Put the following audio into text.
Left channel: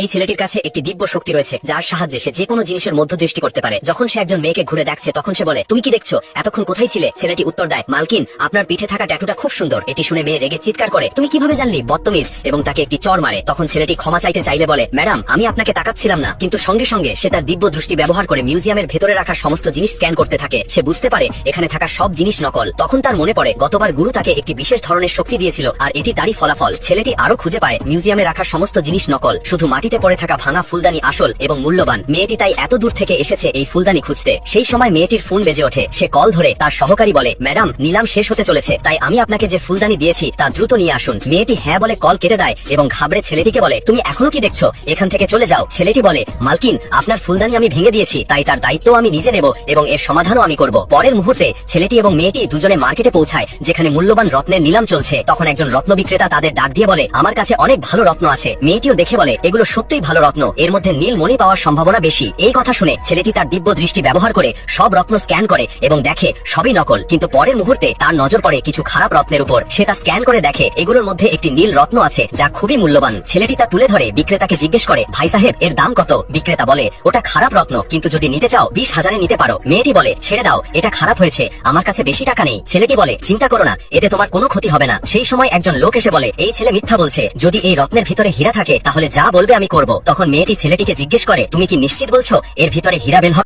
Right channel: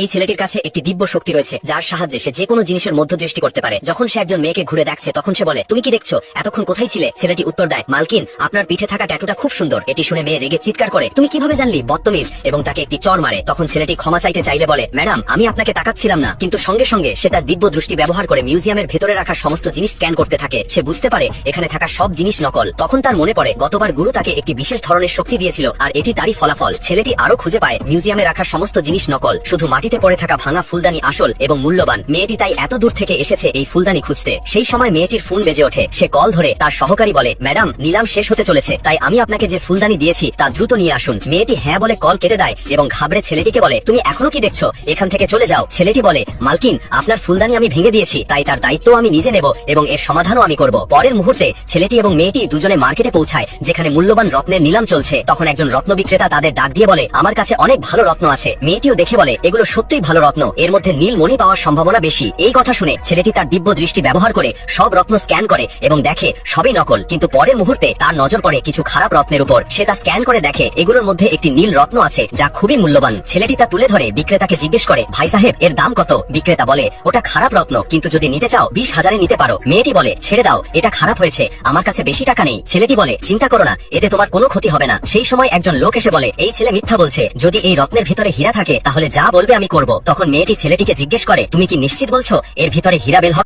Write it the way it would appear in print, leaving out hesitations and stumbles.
এই ছেলেটির কাছে একটি দিব্য শক্তি রয়েছে, যার সাহায্যে সে যে কোনো জিনিসের মধ্য দৃষ্টি করতে পারে। যখন সে একজন মেয়েকে ঘুরে দেখছে, তখন সে বলে, তুমি কি দেখছো? এতক্ষণ কোথায় ছিলে? ছেলেটি উত্তর দেয়, মালকিন, আপনার পিঠে থাকা ট্যাটুটা খুব সুন্দর। এটি শুনে মেয়ে রেগে চিৎকার করে, তুমি কিভাবে জানলি? বদতমিজ, এবং তাকে একটি চড় মারে। তখন ছেলেটি ক্ষমা চাইতে চাইলে বলে, ম্যাডাম, আমি আপনাকে তাকাচ্ছিলাম না। কিন্তু সঙ্গে সঙ্গে সে তার দিব্য দৃষ্টি ব্যবহার করে মিউজিয়ামের ভেতরে রাখা সমস্ত জিনিস স্ক্যান করতে থাকে। সে বুঝতে পারে এখানে থাকা সব জিনিস নকল। তখন তার মনে পড়ে গতবার গুরু তাকে একটি বিশেষ ধরনের শক্তি দিয়েছিল, আর এটি তারই ফলাফল। ছেলেটি আরো খুঁজে পায় মিউজিয়ামে রাখা সমস্ত জিনিস নকল, শুধু মাটিতে পড়ে থাকা ভাঙা ফুলদানি আসল এবং মূল্যবান। মেয়েটি তাই এত দূর থেকে এসেছে এই ফুলদানি খুঁজতে। সেই সময় মেয়েটির ফোন বেজে ওঠে। সে কল ধরে তার সহকারী বলে, ম্যাডাম, নিলাম শেষ হতে চলেছে, তাই আমি আপনাকে যে ফুলদানি দিয়েছি তা দ্রুত নিয়ে আসুন। মেয়েটি হ্যাঁ বলে কল কেটে দেয় এবং ঘাবড়ে ছেলেটিকে বলে, তুমি এখনো কি দেখছো? এখান থেকে চলে যাও। ছেলেটি বলে, মালকিন, আপনার ফুলদানি আমি ভেঙে দিয়েছি, তাই তার দায়িত্ব আমি নিজে নেব এবং এর সমাধানও আমি করব। পরের মুহূর্তে ছেলেটি এবং মেয়েটি দুজনে মার্কেটে পৌঁছায়, যেখানে মূল্যবান রত্নের নিলাম চলছে। তখন একজন রত্ন বিক্রেতা তাদের ডাক দিয়ে বলে, আমার কাছে অনেক ভালো রত্ন আছে। মেয়েটিও দেখে বলে, এগুলো সত্যিই ভালো রত্ন, এর মধ্যে নীল মণি পাওয়ার সম্ভাবনা বেশি। এই কথা শুনে ছেলেটি তার দিব্য দৃষ্টি ব্যবহার করে সব রত্ন স্ক্যান করে এবং দেখে সবই নকল। কিন্তু পরের মুহূর্তে তার নজর পড়ে কিছু খারাপ রত্নের উপর। সে তা স্ক্যান করে দেখে এগুলোর মধ্যে একটি নীল রত্ন আছে, যা খুবই মূল্যবান। ছেলেটি তা তুলে ধরে বিক্রেতাকে জিজ্ঞেস করে, ভাই সাহেব, এর দাম কত? বিক্রেতা বলে, ওটা খারাপ রত্ন, কিন্তু যদি নিতে চাও 20,000-এ নিতে পারো। মেয়েটি বলে, ছেড়ে দাও, এটা খারাপ হয়েছে, আমার কাছে বেশি টাকা নেই। ছেলেটি বলে, চিন্তা করো না, এতে তোমার কোনো ক্ষতি হবে না। সেই সময় একজন লোক এসে বলে, এই ছেলে মিথ্যা বলছে, যদি এই রত্নের ভিতরে হীরা থাকে তাহলে যা বলবে আমি করব। তখন মেয়েটি ছেলেটিকে জিজ্ঞেস করে, তুমি কি নিশ্চিত বলছো এর ভিতরে হীরা বের হবে?